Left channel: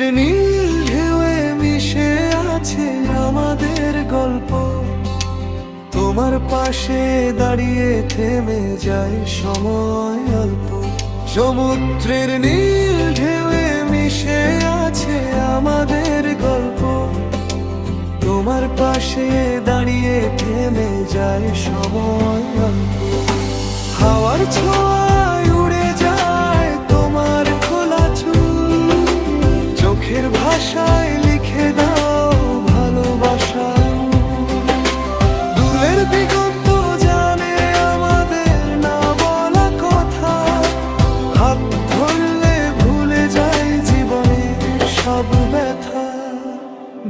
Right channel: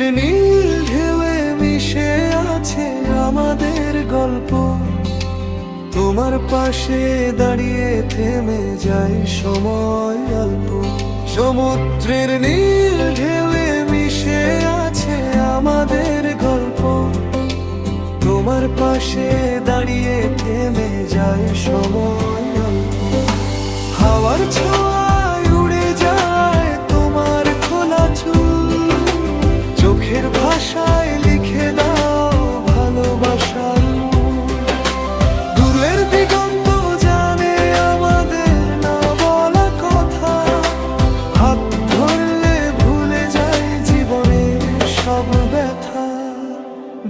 সমুদ্রের নীল ঢেউয়ে মিশে আছে আমাদের গল্প। তোমার পাশে দাঁড়িয়ে থেমে যায় সময় অল্প। সমুদ্রের নীল ঢেউয়ে মিশে আছে আমাদের গল্প। তোমার পাশে দাঁড়িয়ে থেমে যায় সময় অল্প। হাওয়ার ছোঁয়ায় উড়ে যায় তোমার খোলা চুল। চোখের ভাষায় লিখে দাও ভালোবাসার মূল। দূরের দিগন্ত জানে আমাদের না বলা কথা। হাত ধরলে ভুলে যাই জীবনের সব ব্যথা।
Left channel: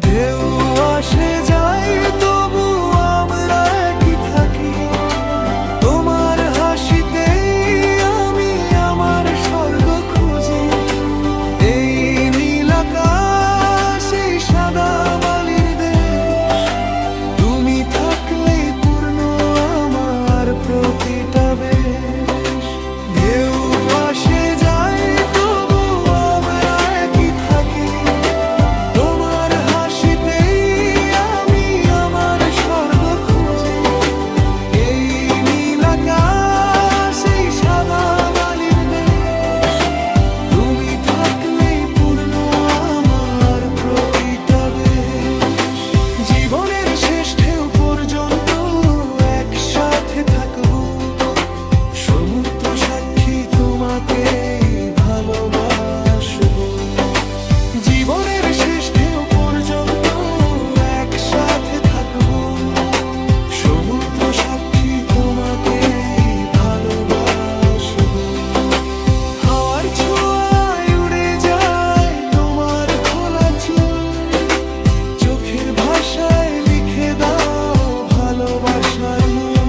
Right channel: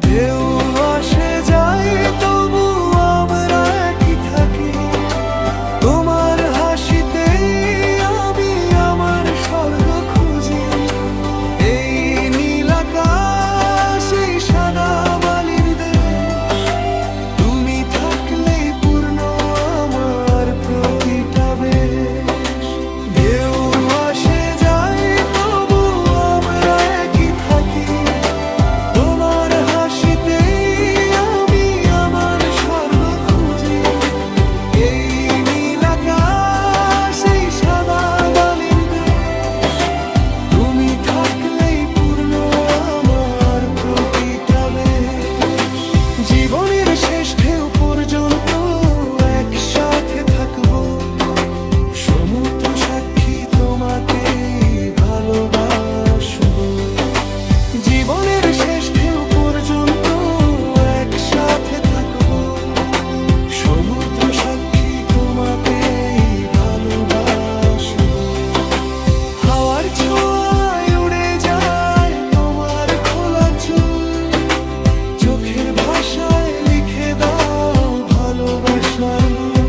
ঢেউ আসে যায় তবু আমরা একই থাকি। তোমার হাসিতেই আমি আমার স্বর্গ খুঁজি। এই নীল আকাশ, এই সাদা বালির দেশ, তুমি থাকলেই পূর্ণ আমার প্রতিটা বেশ। ঢেউ আসে যায় তবু আমরা একই থাকি। তোমার হাসিতেই আমি আমার স্বর্গ খুঁজি। এই নীল আকাশ, এই সাদা বালির দেশ, তুমি থাকলেই পূর্ণ আমার প্রতিটা বেশ। জীবনের শেষ ঢেউ পর্যন্ত একসাথে থাকবো। সমুদ্র সাক্ষী তোমাকে ভালোবাসবো। জীবনের শেষ ঢেউ পর্যন্ত একসাথে থাকবো। সমুদ্র সাক্ষী তোমাকে ভালোবাসবো। হাওয়ার ছোঁয়ায় উড়ে যায় তোমার খোলা চুল। চোখের ভাষায় লিখে দাও ভালোবাসার মূল।